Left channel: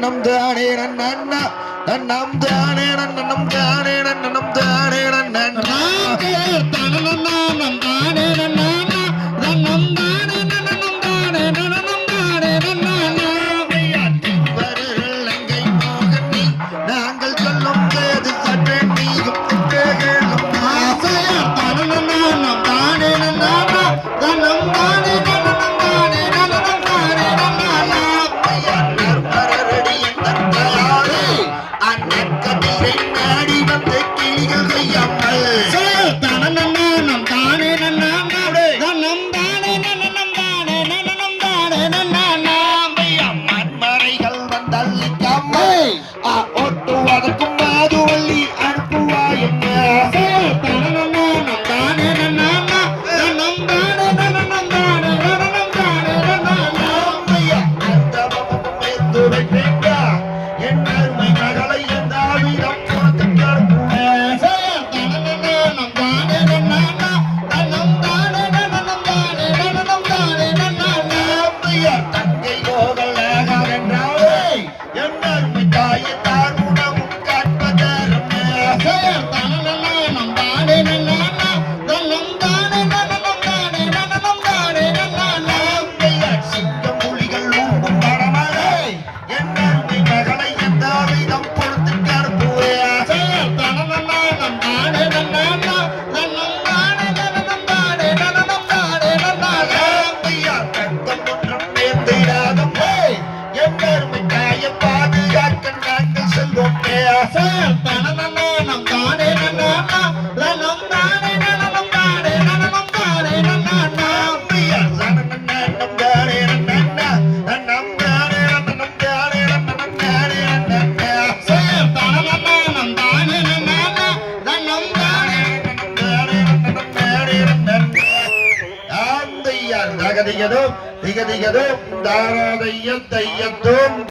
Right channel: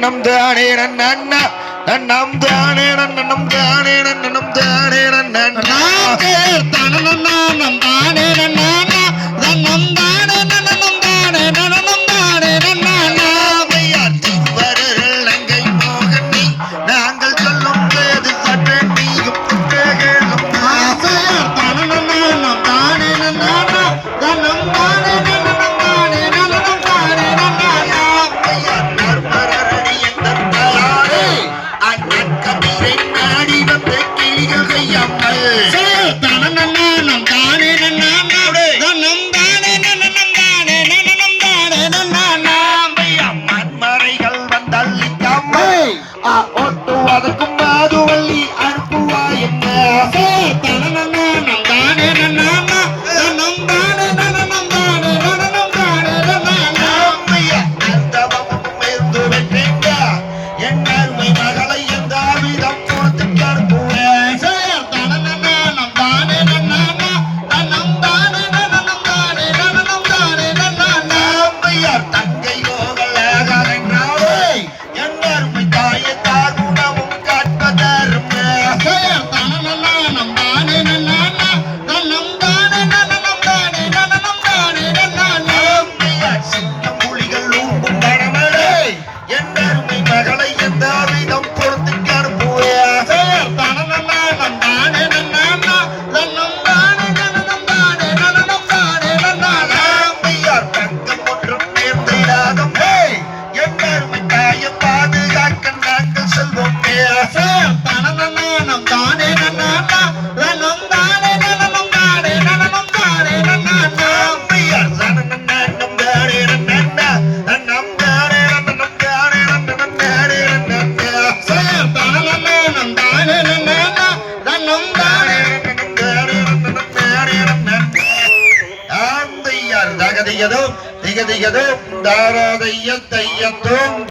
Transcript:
நன்னம் தானே நன்னா நன்னம் தானே நன்னம் தானே நன்னம் தானே நன்னா தனனம் தானே நன்னா நன்னம் தானே நன்னம் தானே நன்னம் தானே நன்னா திருவருள் லங்கை மோகன் நீ நாங்கள் சொல்லும் போது சற்று நீயும் குற்றேகளும் தனனம் தானே நன்னா நன்னம் தானே நன்னம் தானே நன்னம் தானே நன்னா மரடி எந்தாரே அண்ணன் கண்ணீரை நாடி வந்த கிளிகள் கையாமல் தனனம் தானே நன்னா நன்னம் தானே நன்னம் தானே நன்னம் தானே நன்னா மண்மறைகள் வந்தள்ளிக்காமல் ஒட்டுவதற்கும் மாதுவள்ளி அனுப்புவா என்ன தனனம் தானே நன்னா நன்னம் தானே நன்னம் தானே நன்னம் தானே நன்னா என் அருமை மகளை எந்த விதம் கொடுத்து கருப்புவேன் தனனம் தானே நன்னா நன்னம் தானே நன்னம் தானே நன்னம் தானே நன்னா தங்கை யோகலாக என்றாவே என் அருமை தாயை தாகுணமும் காட்பதரும் தனனம் தானே நன்னா நன்னம் தானே நன்னம் தானே நன்னம் தானே நன்னா சிங்கம் புலிகள் ஊம்பும் மரமழை என் அருமை மகளை எந்த விதம் பொறுத்து கருப்புவேன் தனனம் தானே நன்னா நன்னம் தானே நன்னம் தானே நன்னம் தானே நன்னா தங்கம் ஒன்றும் நேர்ந்திடாதும் என் அருமை தாயை பாதுகாக்க நாங்கள் செல்வோம் தனனம் தானே நன்னா நன்னம் தானே நன்னம் தானே நன்னம் தானே நன்னா தனனம் தானே நன்னா நன்னம் தானே திகதிகதும் தாராதைய தையத்தும்